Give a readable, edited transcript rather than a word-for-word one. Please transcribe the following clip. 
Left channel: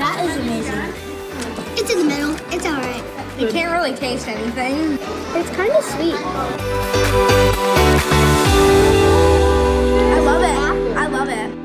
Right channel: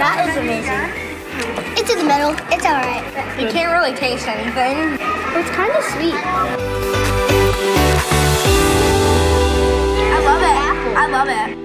That is amazing. It's in the middle. It's all right. You can't really taste anything. It's kind of sweet. I love it. I love it.